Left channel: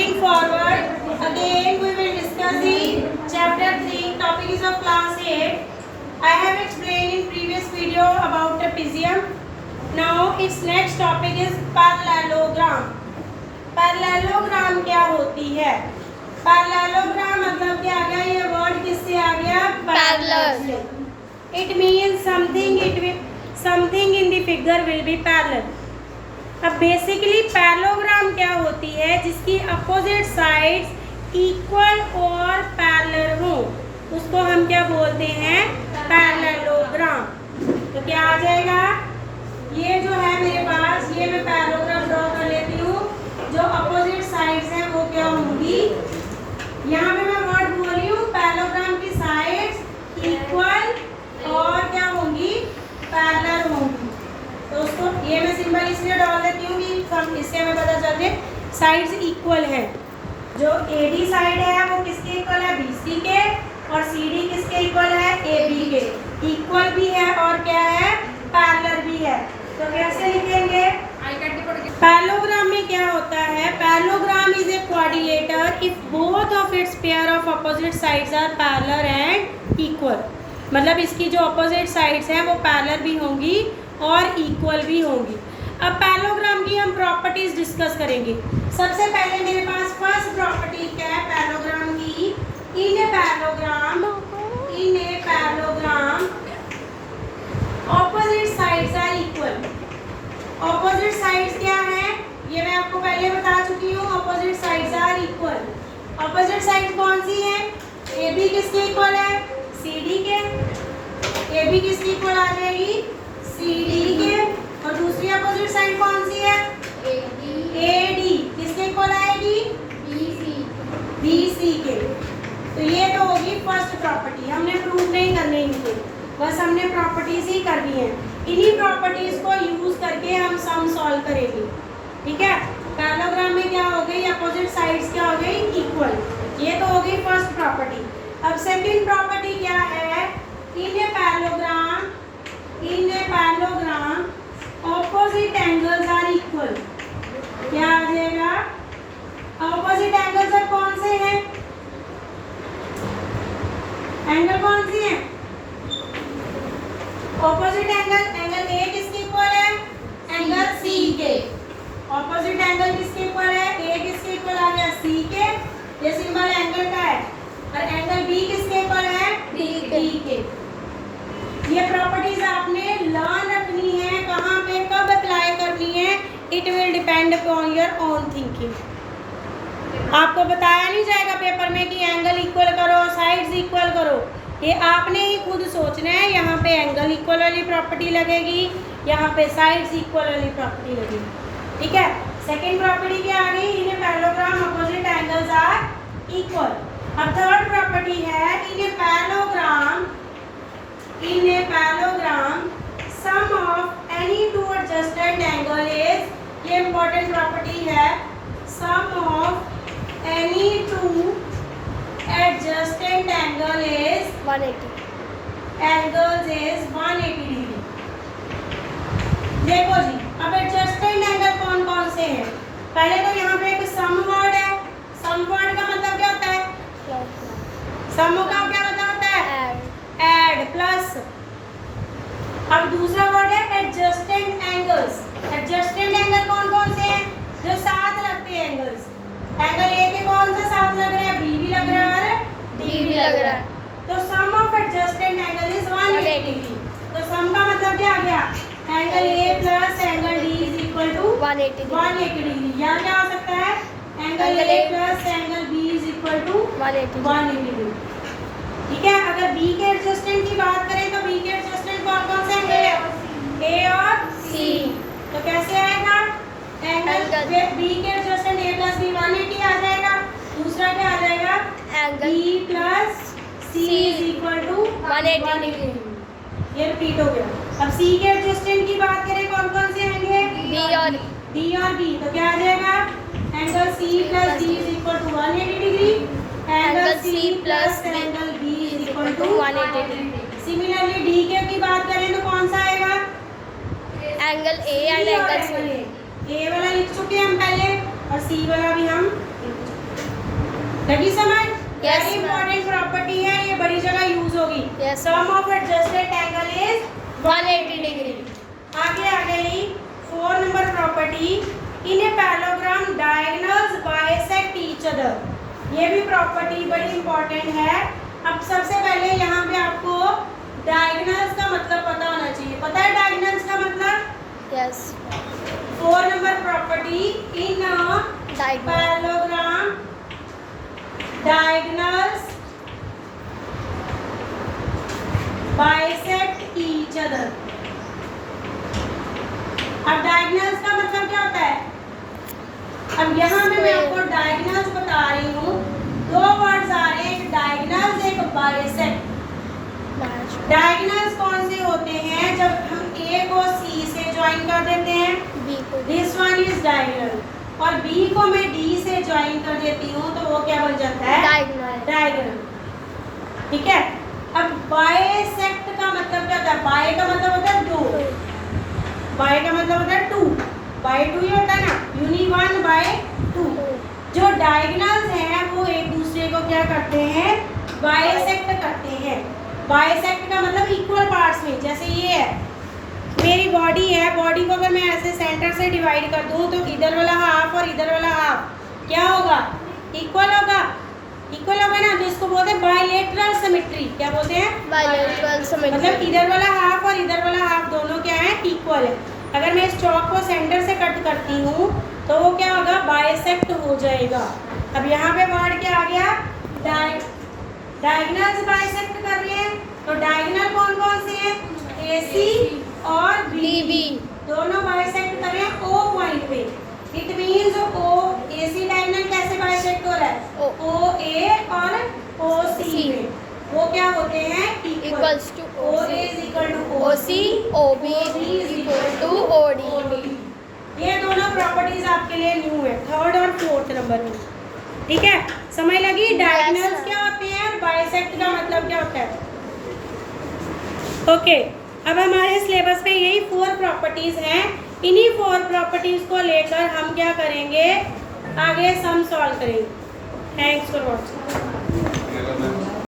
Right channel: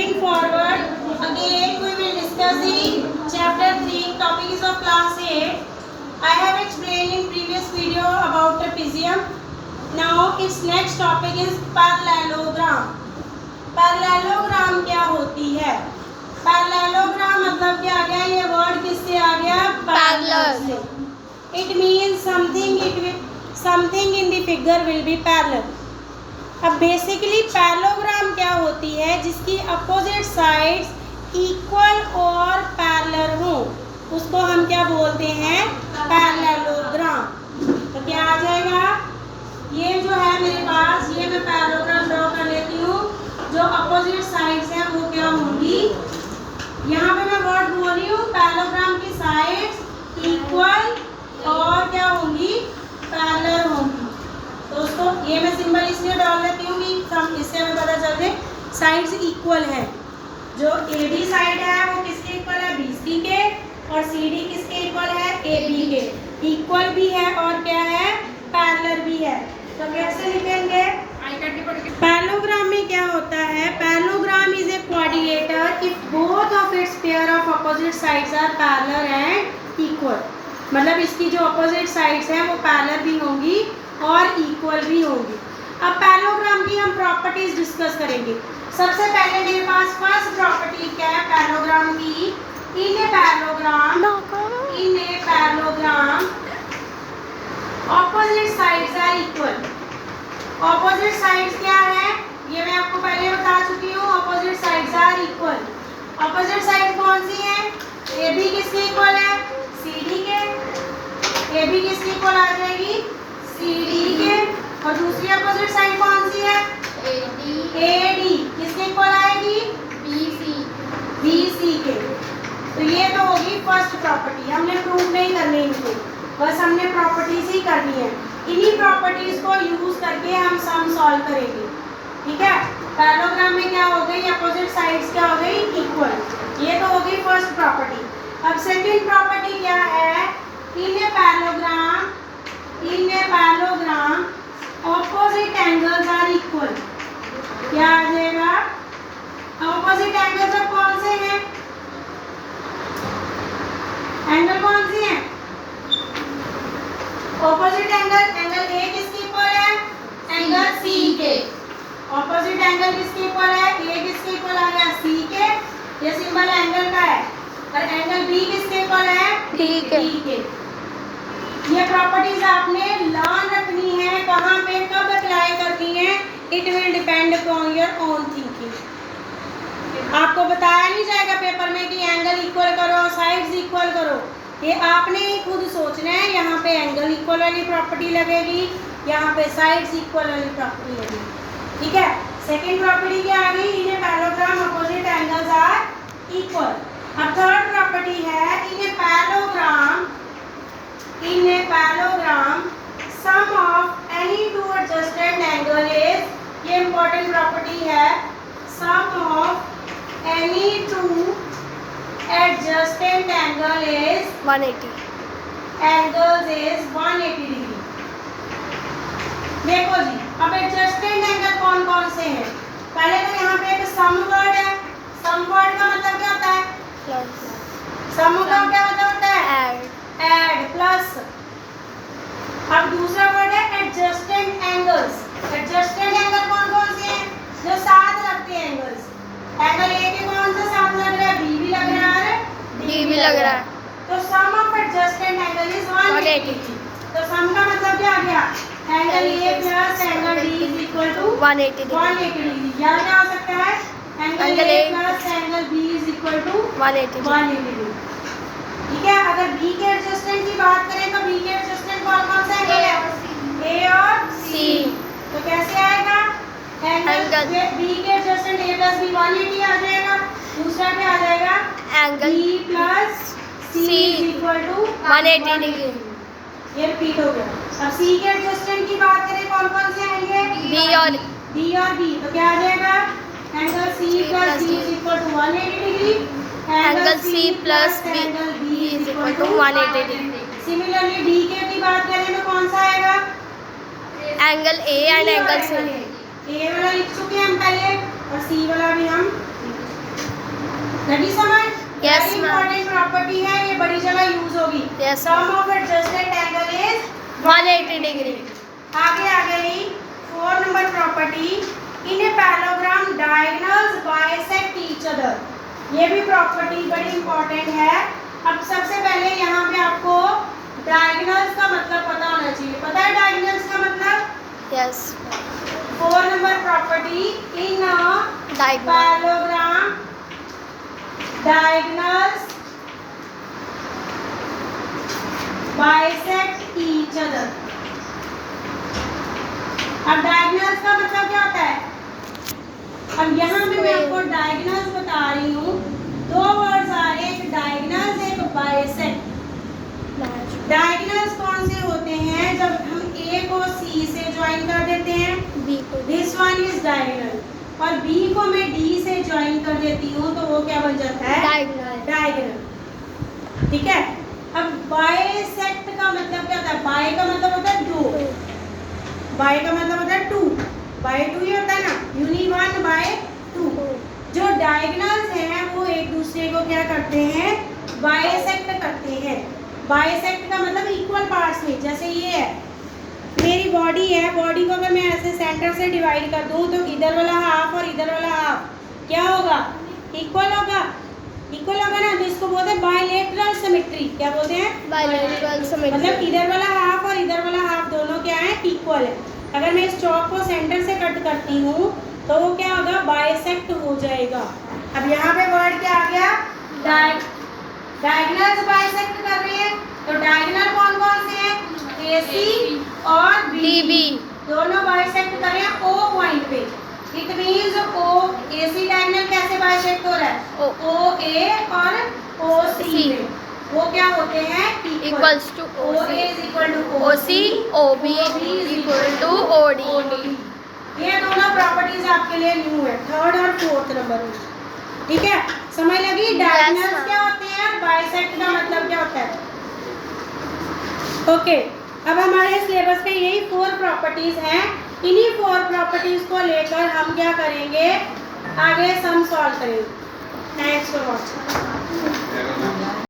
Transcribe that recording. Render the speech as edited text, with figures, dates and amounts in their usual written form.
Moving forward, again we will discuss the chapter 3, topic is of class 8. I have explained in previous video about trapezium. Now its next topic is parallelogram. Parallelogram क्या होती है? Parallelogram मतलब क्या आ गया? ये word किससे आ गया? पैरेलल से. It means something in the figure will be parallel. अब बेसिकली पैरेललोग्राम क्या होती है? जिसकी अपोजिट साइड्स इक्वल और पैरेलल हो, उसको हम क्या बोलते हैं? पैरेललोग्राम. तो क्या आ जाएगा? ये जो है मेरे पास, ये मैं पैरेललोग्राम ड्रॉ कर लेती हूँ. जो अपोजिट साइड्स हैं वो क्या होंगी? यहाँ पे मैं वर्ड बोल रही हूँ, पैरेललोग्राम की साइड्स इक्वल और क्या होंगी? पैरेलल होंगी. तो उसको ये मैं सिंबल इसलिए डाल देती हूँ कि इससे हमें पता चल जाए साइड्स इक्वल है. जो ए बी साइड है वो किसके इक्वल है? बी सी के. और सी डी किसके इक्वल है? ए बी के. इक्वल भी है और क्या है? पैरेलल भी है. तो कैसे लिखेंगे? पैरेललोग्राम में क्या होता है? Parallelogram is a quadrilateral if both of its pair of opposite sides are parallel and equal. मतलब इसकी जो अपोजिट साइड्स हैं वो पैरेलल भी होंगी और इक्वल भी होंगी. अब पैरेललोग्राम की हम प्रॉपर्टीज डिस्कस करेंगे. सबसे पहले मेरे पास फर्स्ट प्रॉपर्टी क्या है पैरेललोग्राम की? In a parallelogram opposite sides are equal. Opposite sides क्या है? ये मैं आपको पहले बता चुकी हूँ. Opposite sides are equal. Opposite side कौन सी है? ए बी किसके इक्वल है? सी डी के. ए बी किसके इक्वल आ जाएगी? सी डी के. और दूसरी अपोजिट साइड कौन सी है? ए डी किसके इक्वल आएगी? बी सी के. तो ये तो होगी फर्स्ट प्रॉपर्टी. हमने प्रूव नहीं करने इनको, बस हमने प्रॉपर्टीज ही करनी है. इन्हीं प्रॉपर्टीज को यूज करके हम सम सॉल्व करेंगे. ठीक है. पैरेललोग्राम में क्या हो गई? अपोजिट साइड्स क्या हो गई? इक्वल. ये तो हो गई फर्स्ट प्रॉपर्टी. अब सेकंड प्रॉपर्टी क्या है? In a parallelogram opposite angles are equal. क्या आ जाएगा? ऑपोजिट एंगल्स और कौन से हैं? एंगल कौन सी है? ऑपोजिट एंगल ए किसके इक्वल है? एंगल सी के. ऑपोजिट एंगल किसके इक्वल है? ए किसके इक्वल आ गया? सी के. ये सिंबल एंगल का है. और एंगल बी किसके इक्वल है? डी के. ये प्रॉपर्टीज आपने लर्न रखनी है. कहाँ पे कब अप्लाई करनी है? It will depend upon your own thinking. आपको बताया नहीं जाएगा पेपर में कि एंगल इक्वल करो, साइड्स इक्वल करो. ये आपने ही खुद सोचना है. यहाँ पे एंगल इक्वल वाली प्रॉपर्टी लगेगी, यहाँ पे साइड्स इक्वल वाली प्रॉपर्टी लगेगी. ठीक है. सेकंड प्रॉपर्टी क्या आ गई? In a parallelogram opposite angles are equal. अब थर्ड प्रॉपर्टी है in a parallelogram sum of any two adjacent angle is. ये इंपॉर्टेंट प्रॉपर्टी है. Sum of any two adjacent angle is 180. Angles is 180 degree. देखो जी, अब adjacent angle कौन कौन से हैं? पहले तो यहाँ पे एक sum word है. sum word का मतलब क्या होता है? sum का क्या मतलब होता है? add plus. अब दूसरा word है adjacent angles. adjacent angle कौन कौन से हैं? जो साथ लगते हैं angles. एंगल ए के कौन सा साथ लग रहा है? बी भी लग रहा है, डी भी लग रहा है. तो sum of adjusted angle is 180. तो सम का मतलब क्या आ गया? Angle A plus angle D is equal to 180 degree. या क्या हो सकता है? Angle A plus angle B is equal to 180 degree. ठीक है. अगर बी के एडजस्टेंट की बात करें तो बी के एडजस्टेंट कौन कौन से हैं? ए और सी. तो कैसे आएगा? एंगल बी के एडजस्टेंट ए प्लस बी 180 आ जाएगा. दूसरा क्या आ जाएगा? Angle B plus C is equal to 180 degree. ये रिपीट हो गया. अब सी के एडजस्टेंट की बात करें कौन कौन से आएंगे? बी और बी. तो क्या आ जाएगा? Angle C plus D is equal to 180 degree. Angle C plus angle B is equal to 180 degree. Similarly D के की बात करें तो कौन सा आएगा? Angle A and angle C. A वाला लिख चुके हैं हम पहले और सी वाला भी हम लिख चुके हैं. लगी समझ? Yes, very ma'am. Important property है, ये बड़ी जगह यूज होगी। Yes, sum of adjusted angle is 180 degree. आगे आ गई 4 number property, in a parallelogram diagonals bisect each other. ये भी प्रॉपर्टी बड़ी इंपॉर्टेंट है। अब सबसे पहले यहाँ पे आपको डायगोनल्स का मतलब पता होना चाहिए। पता है डायगोनल्स का मतलब? Yes. 4 number property, in diagonal parallelogram diagonals bisect each other. अब डायगोनल्स का मतलब क्या होता है? अब यहाँ पे मैं आपको डायगोनल्स बता रही हूँ। दो वर्ड्स आ रहे हैं, एक डायगोनल्स एक बाइसेक्ट। डायगोनल्स कौन से होते हैं? जब हम ए को सी से ज्वाइन कर देते हैं, बी को दिस वन इज डायगोनल, और बी को मैं डी से ज्वाइन कर देती हूँ तो वो क्या बन जाता है? डायगोनल। डायगोनल। ठीक है। अब बाइसेक्ट का मतलब क्या होता है? बाय का मतलब होता है दो, बाय का मतलब होता है टू, बाय टू ही होता है ना, यूनि वन बाय टू। जो डायगोनल्स हैं वो एक दूसरे को क्या करते हैं? बाइसेक्ट करते हैं। बाइसेक्ट का मतलब इक्वल पार्ट्स में। जैसे ये है, मेरी बॉडी है, बॉडी को अगर मैं ऐसे सेंटर से डिवाइड कर दूं तो इधर वाला हाफ और इधर वाला हाफ क्या होगा? इक्वल होगा। इक्वल होगा ना, तो इसको बोलते हैं बायलेटरल सिमेट्री। क्या बोलते हैं? Bilateral symmetry. मतलब इधर वाला हाफ और इधर वाला हाफ दोनों क्या है? इक्वल है। अगर मैं इस चौक को सेंटर से कट करती हूँ तो वो क्या होगा? बाइसेक्ट हो जाएगा। अब यहाँ पे वर्ड क्या आ गया? डायगोनल्स बाइसेक्ट कर रहे हैं, तो डायगोनल कौन कौन से हैं? AC और BB दोनों बाइसेक्ट कर रहे हैं O पॉइंट पे। It means O AC diagonal कैसे बाइसेक्ट हो रहा है? OA और OC पे वो क्या होते हैं? Equals to OA is equal to OC, OB equal to OD। ये दोनों प्रॉपर्टीज आपके लिए न्यू है, 3rd और 4th नंबर में। ठीक है, समझ लगी? Diagonals ma'am. क्या होते हैं और बाइसेक्ट का मतलब क्या होता है? ओके, अब हमारे सिलेबस में यही 4 प्रॉपर्टीज हैं। इन्हीं 4 प्रॉपर्टीज को लेकर हम क्या करेंगे? आगे सम सॉल्व करेंगे। Thanks for watching.